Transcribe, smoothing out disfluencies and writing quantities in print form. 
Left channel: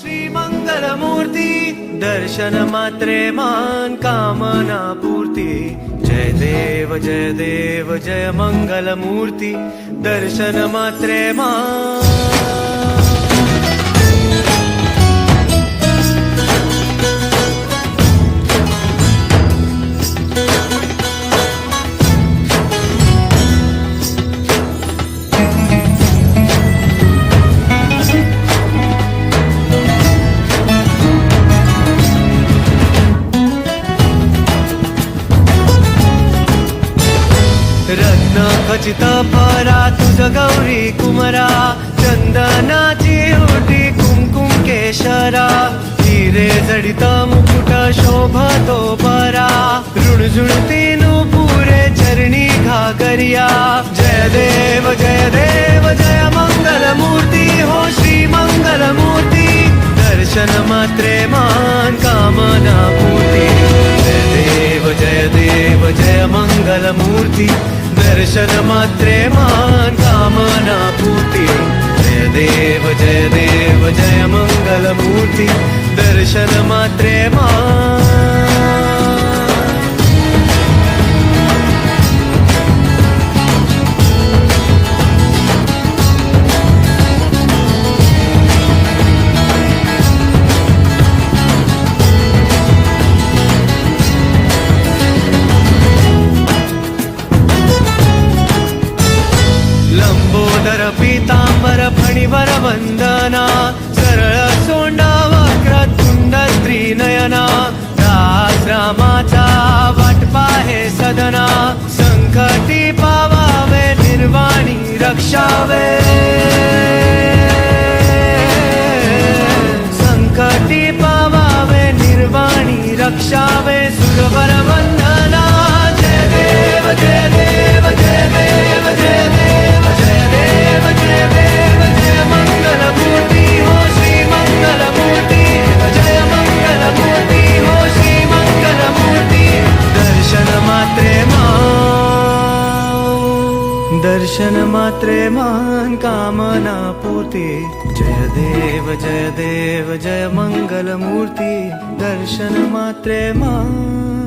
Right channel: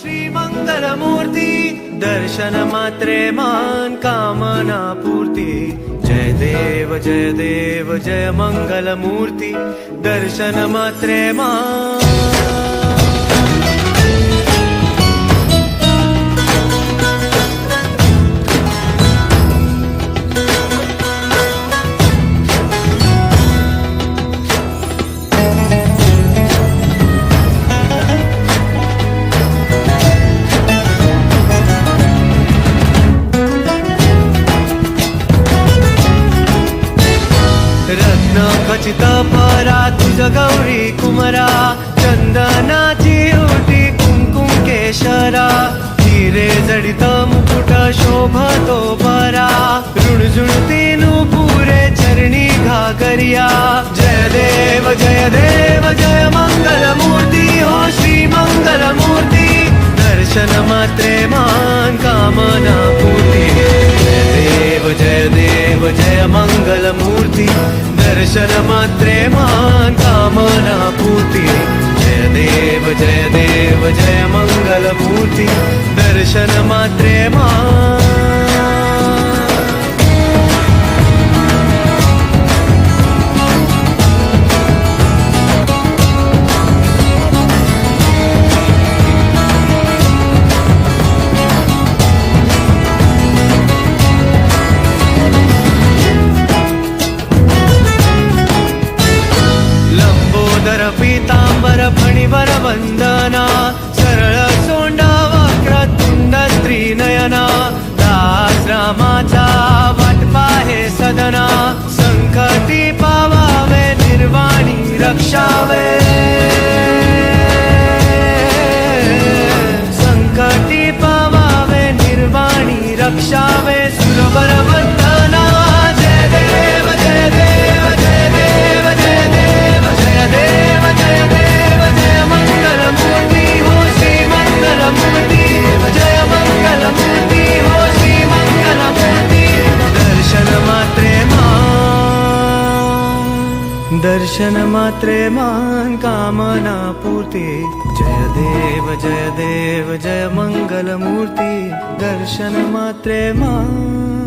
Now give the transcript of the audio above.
श्री मंगल मूर्ती दर्शन मात्रे मान कामना पूर्ती जय देव जय मंगल मूर्ती दर्शन मात्रे मान रत्न खचित फरा तुझ गौरी कुमरा चंदनाची ओटी कुंकुम केशरा हिरे जडित मुकुट शोभतो बरा रुणझुणती नुपुरे चरणी घागरिया जय देव जय मंगल मूर्ती हो श्री मंगल मूर्ती दर्शन मात्रे मान कामना पूर्ती जय देव जय मंगल मूर्ती दर्शन मात्रे मान कामना पूर्ती जय देव जय मंगल मूर्ती दर्शन मात्रे मान लंबोदर पीतांबर फणीवर वंदना सरळ सोंडा वक्रतुंड त्रिनयना दास रामाचा वाट पाहे सदना संकटी पावावे निर्वाणी रक्षावे संकटी पावावे निर्वाणी रक्षावे सुरवर वंदना जय देव जय देव जय देव जय देव जय देव जय मंगल मूर्ती हो श्री मंगल मूर्ती जय मंगल मूर्ती हो श्री मंगल मूर्ती दर्शन मात्रे मान कामना पूर्ती जय देव जय मंगल मूर्ती दर्शन मात्रे मान